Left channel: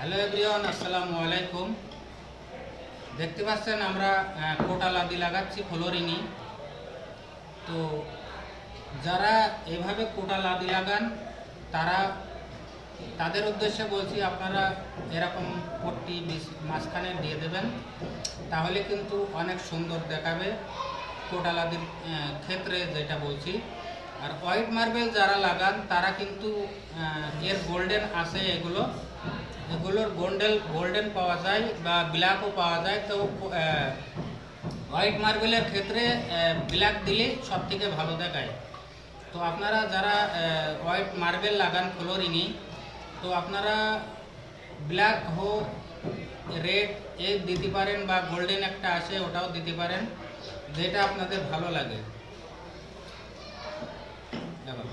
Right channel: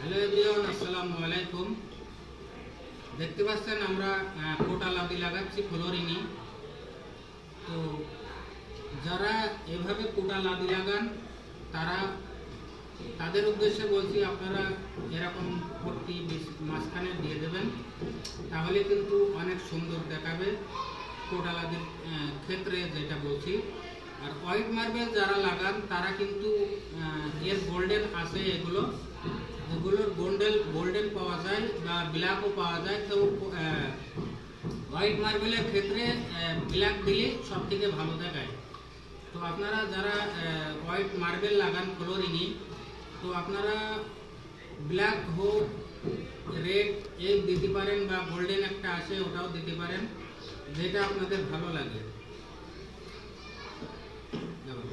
Hello everyone, আসসালামু আলাইকুম। দেখতে পাচ্ছেন আমরা কোটা লাদি লাগাচ্ছি ফ্লোরিংয়ে। তো যারা এভাবে কোটা লাদি লাগান তাদের উদ্দেশ্যে বলছি, আপনারা এরকম পট্টি মাঝখানে দিয়ে দেবেন, তাহলে কিন্তু অনেক সুন্দর দেখাবে কোটা লাদির ক্ষেত্রে, যেটা বলছি। আর হোয়াইট মার্বেল যারা লাগান তারা কিন্তু এর গোল্ডেন আছে, এগুলোর গোল্ডেন পাওয়া যায় বা ব্ল্যাকও পাওয়া যায়। তো হোয়াইট মার্বেলের ক্ষেত্রে ব্ল্যাক দিলে সব থেকে ভালো দেখায়। তো আপনারা যারা হোয়াইট মার্বেল লাগান ফ্লোরিংয়ে, তো আপনারা ব্ল্যাক হোক, রেড এক দিতে পারেন, বা গোল্ডেন একটা আছে ওটাও দিতে পারেন, যেটা আপনাদের ভালো লাগে। দেখো